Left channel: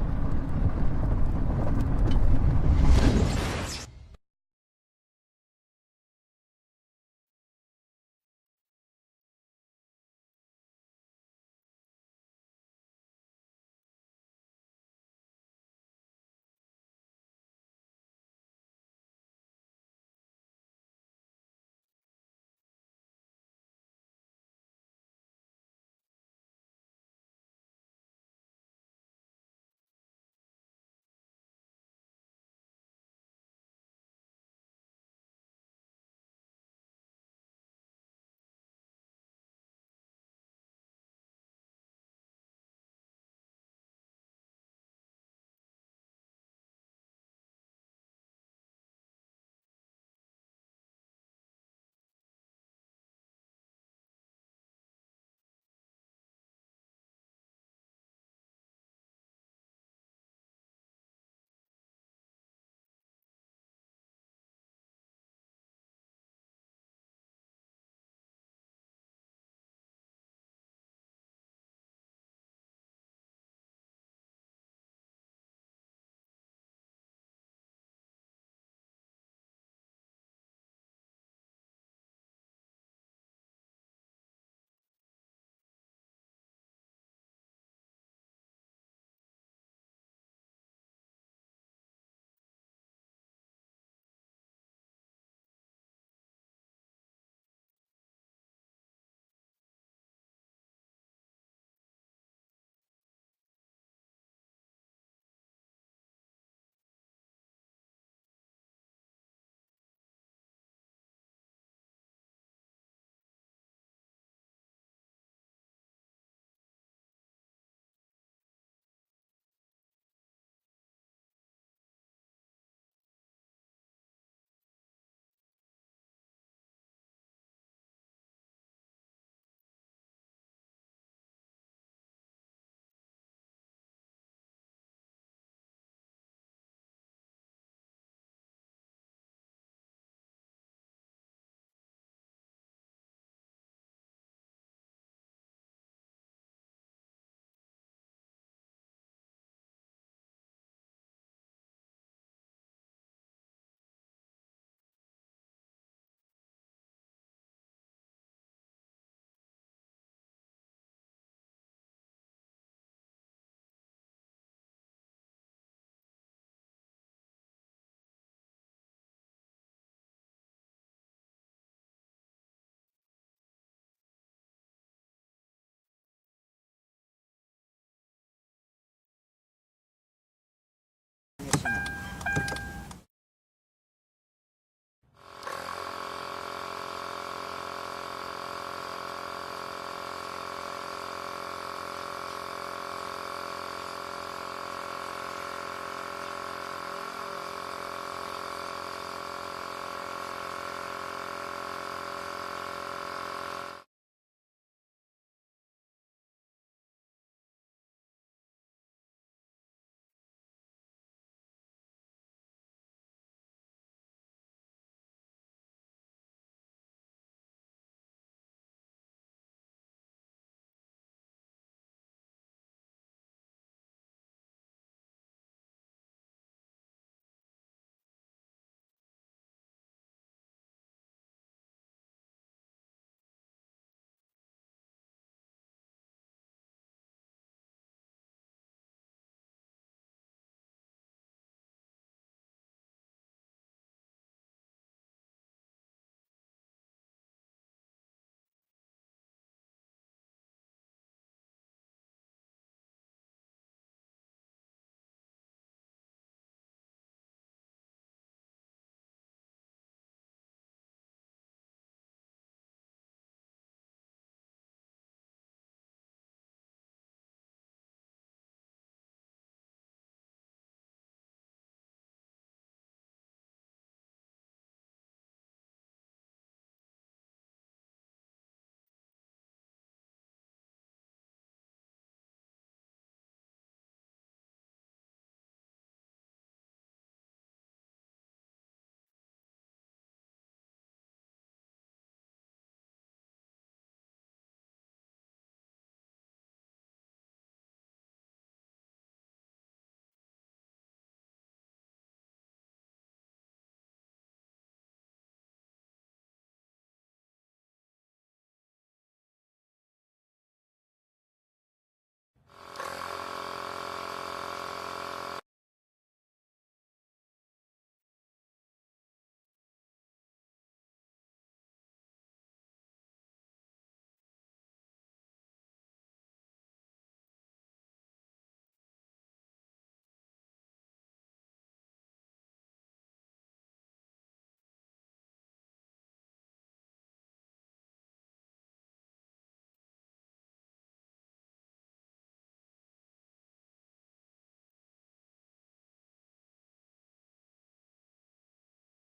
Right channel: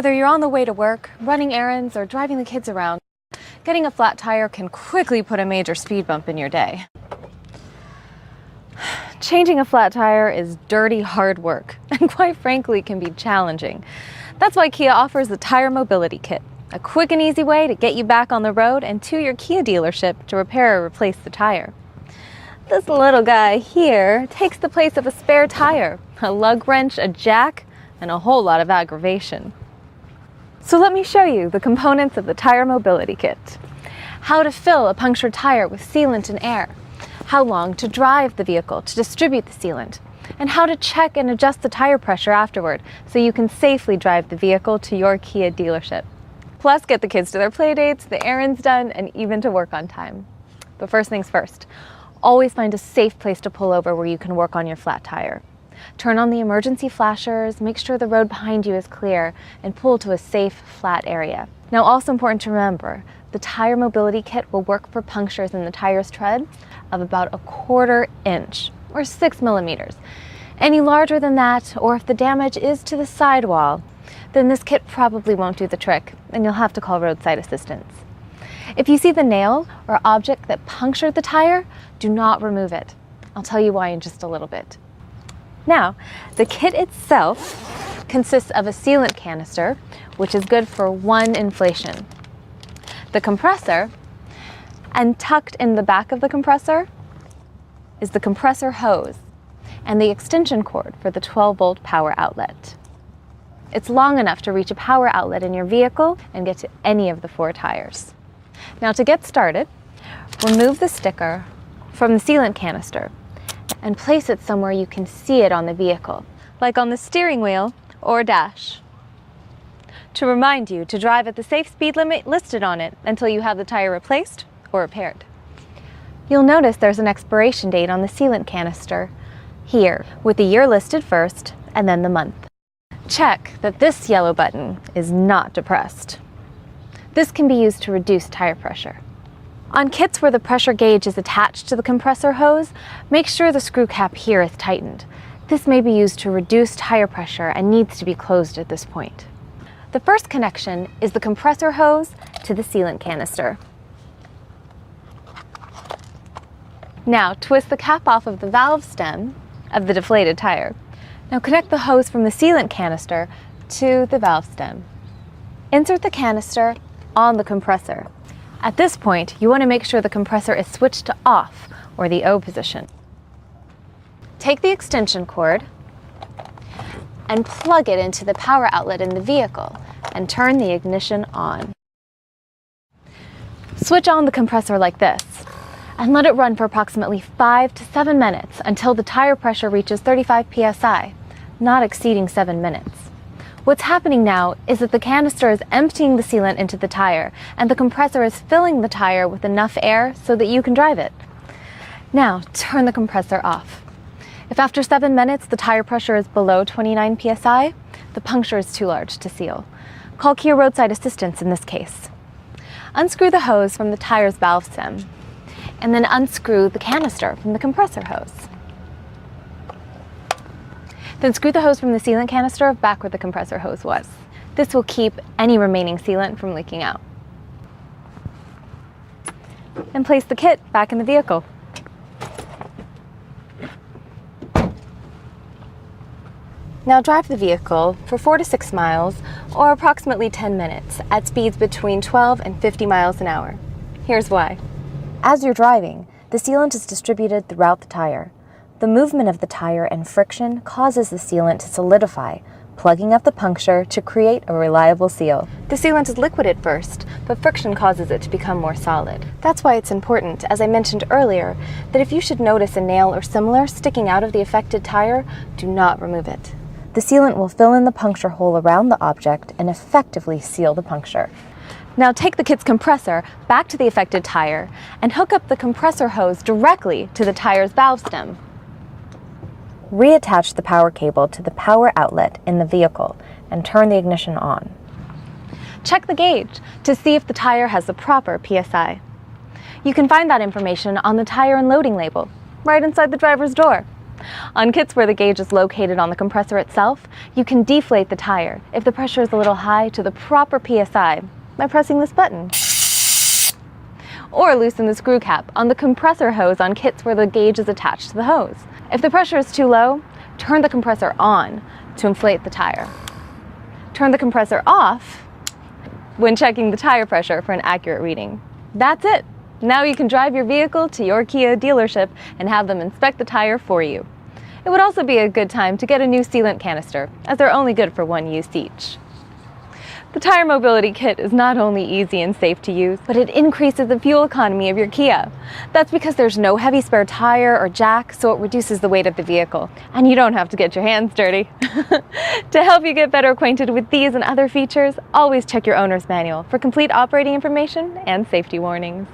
Whether you're on the way to work, running errands, or driving the kids around, getting a flat tire can quickly put a major speed bump in your day. Changing a flat tire is dirty, hard work, and quite frankly can be challenging. That's why Kia offers the Tire Mobility Kit, a quick and easy way to get you back on the road and to your Kia dealership to repair or replace the tire. This little guy here takes the place of a spare tire, a lug wrench, a jack, and a whole lot of aggravation. So let me show you the components of the Tire Mobility Kit. How to fill a punctured tire with sealant and air, how long to drive the vehicle to distribute the sealant, and how to check and adjust the tire pressure afterward so you can safely drive the vehicle to your Kia dealership. Plus, get the kids to their play dates, the errands done, and even to work on time. But first things first, always find a safe place to pull over where you can work on your flat tire. Turn on the emergency flashers, make sure the road behind you is clear, and pull to a safe, flat area. Now, also important to remember, the Tire Mobility Kit will work for punctures in the tire's tread of about 1/4 inch, or 6 millimeters. Any larger than that, or if the damage is to the sidewall, then this kit probably won't do the trick, and you'll have to call roadside assistance. If you see the nail or object that punctured the tire, do not remove it. I'll tell you why in just a little bit. Now, the kit itself consists of a sealant canister, which is good for 1 inflation, the compressor, and tucked in the back of the compressor is the compressor hose and the extension cord for the 12-volt power outlet. It's long enough to reach a power outlet in your vehicle and get to any of the 4 tires. Now, to get started, remove the sticker from the sealant canister and place it somewhere you can see it on the vehicle, like on the steering wheel or dash, to remind you to drive at the safe speed limit listed on it until you have the tire replaced or repaired. You'll notice there's an expiration date on the sealant canister here, with the year listed first and then the month. Check that this yellow button is not depressed. This can be used to reduce tire pressure. On kits where the pressure gauge is attached to the compressor hose, make sure the screw cap here is tightened. This may be used to reduce tire pressure and needs to be closed at this point. The first connection is the compressor hose to the sealant canister. Now, twist the cap off of the valve stem of the deflated tire. Now connect the hose from the sealant canister to the valve stem. Insert the canister on the compressor. At this point, you want to make sure the compressor is switched to off, or the O position. Take the extension cord and plug it into the power outlet in the vehicle and turn the ignition on. Switch on the compressor like this and let it run for approximately 5 to 7 minutes until the tire pressure reaches 35 psi, not exceeding 7 minutes. What's happening now is that the canister is emptying the sealant into the tire, and the compressor is filling the tire with enough air so that you can drive it. Now, turn the compressor off. If after 7 minutes the tire pressure is below 29 psi, the puncture is too large to seal. Call Kia roadside assistance in this case. Unscrew the hose from the tire's valve stem, and then unscrew the canister from the compressor hose. Then screw the hose from the sealant canister back where the compressor hose was. This will keep any remaining sealant from leaking out. And place the kit back in the vehicle. Now drive the vehicle for 4 to 6 miles, or approximately 10 minutes, at speeds between 12 and 50 miles an hour. Here's why. As you're driving, the sealant is distributed throughout the tire. The movement of the tire and friction causes the sealant to solidify, plugging up the puncture to create a reliable seal. The sealant is liquid at first, but friction causes it to become more solid. That's why it's important, as I mentioned earlier, that if you should notice a nail or similar sticking out of the affected tire, do not remove it. The sealant will fill in the puncture hole around the object and effectively seal the puncture. Now take the kit's compressor back to the affected tire and hook up the compressor hose directly to the tire's valve stem. Reattach the power cable to the power outlet in the vehicle and turn the ignition on. Check the gauge to see if the tire has the proper PSI. You can find that information on the tire and loading label, right inside the driver's door. On kits where the gauge is located on the compressor itself, you can deflate the tire if the pressure is a little high to the proper PSI by pressing this button. Or loosen the screw cap on the compressor hose on kits where the gauge is attached to the hose. If the pressure is too low, turn the compressor on to inflate the tire. Turn the compressor off when checking the tire pressure for an accurate reading. That's it. Now you can drive your vehicle to your Kia dealership and have them inspect the tire for you. It would also be a good time to get a new sealant canister, as they're only good for one use each. The Tire Mobility Kit is not only easy and safe to use, but it increases the fuel economy of your Kia. That's because there's no heavy spare tire or jack, so it reduces the weight of the vehicle. And you don't have to get your hands dirty. To help you get better acquainted with these and other features, always check your owner's manual for complete operating information and safety warnings.